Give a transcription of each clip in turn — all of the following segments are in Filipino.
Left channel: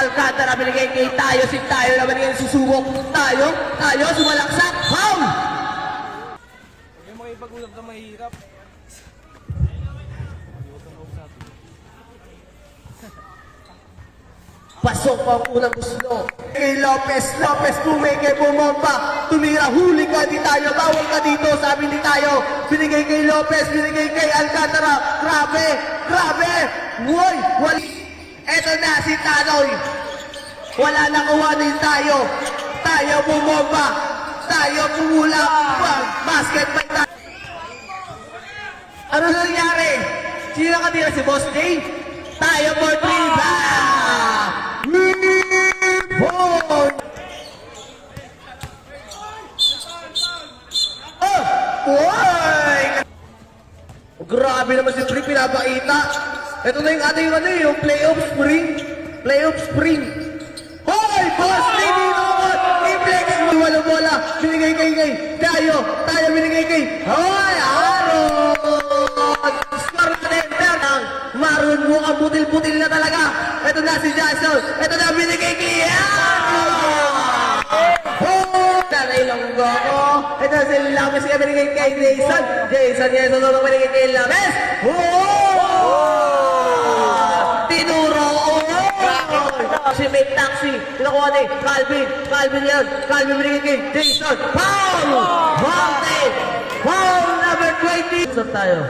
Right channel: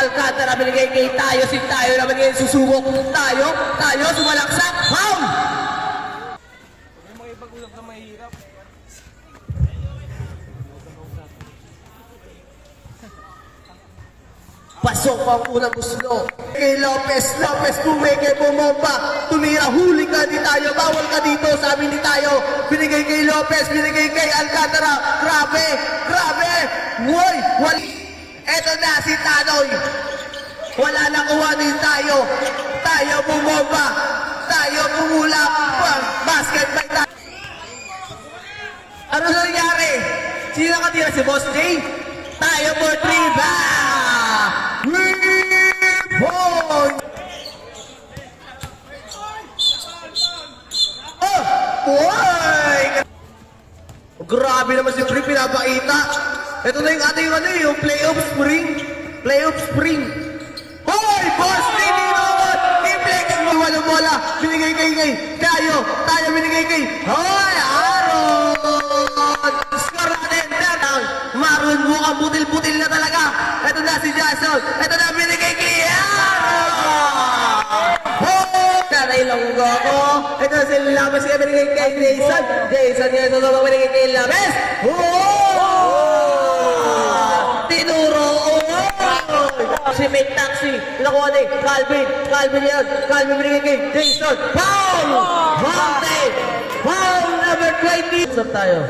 Alcantara, binigay kay Tayo. Si Tayo na binigay susubok. Tayo, sumalaksak. Home! Yung mga ipag-usap na mahirap. Pasok ang unang gusto. Kay Lopez, tumigay bumomba. Tumira, huli ka di Tayo, bawal ka dito, sabi ni Tayo. Binigay kay Lopez, binigay kay Alcantara. Grabe! Woy! Eto na si Tanoy. Wala na kuwanin Tayo. Tayo bumomba. Tayo bumula. Basketball na. Ano nangyari? Sino katira si Boss J? Tayo for 3 ba? Mipon! Oy! Grabe naman si Trip pinapakita. Ito na yung ating yung playoff spring. Hoy! Boss J! I-play mo walang bola. Binigay kay Tayo binigay kay Hoy! Aaron! Score natin. Maroon mo ang butil-butil na talaga. Ito na si Jason. Ito na binigay kay Ilonggo ko. Ito si Lames kaya binigay kay Jason. Jason na binigay kay Lames. Tinuro. Si Mate Taxi. Pinakuha ni Calvin yan. Calvin binigay kay Jason. Foul number 20. Stop tayo.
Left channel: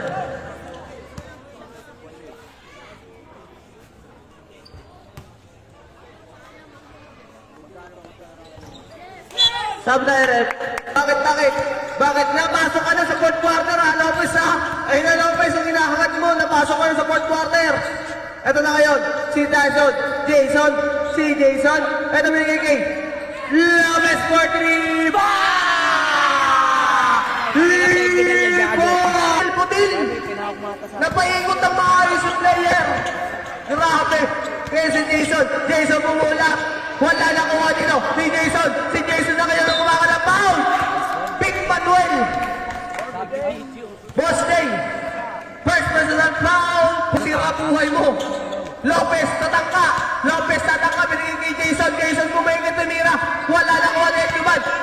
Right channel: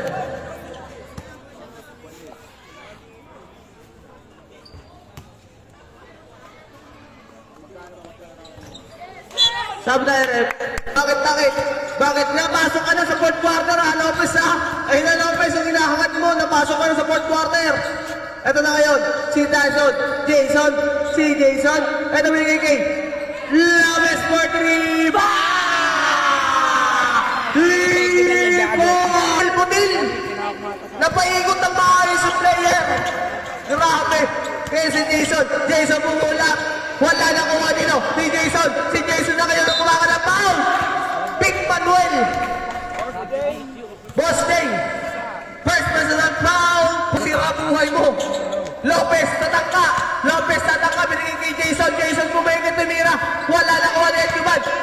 Sabi tayo, Rep. Bakit? Napasok ka na sa fourth quarter, ha? Lopez, ha? Ayun na, Lopez, yung hinahangat mo. Napasok ka na sa fourth quarter. Ito na ngayon, si Jason. Ito binigay kay Lopez for 3. Putil! Napaigot ng maayos yung player. Grabe. Kaya si Jason pumula. Wala na kuha dito. Si Jason na kayo kumakas ng foul. Big Manuel. Boss Day. First personal foul. Sira buhay mo. Lopez, tatangka. Binigay kay Jason bumigit tumira. Wala na kuha ni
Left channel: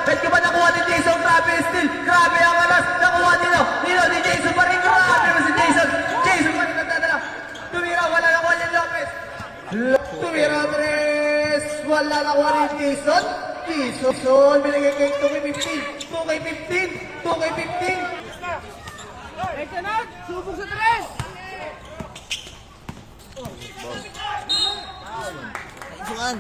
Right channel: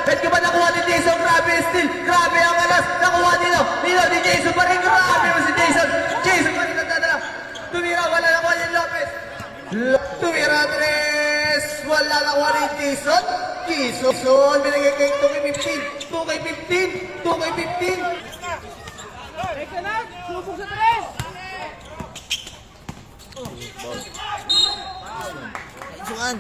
Edkiban nakuha ni Jason. Grabe still. Grabe ang alas. Nakuha dito ni Jason pa rin. Grabe mo si Jason pa rin nagdadala. Tumira. Wala na kuha ni Lopez. Tumira 3. Wala na kuha ni Jason. Binigay kay 2K15. Ekenan, susok sa 3! Bukan.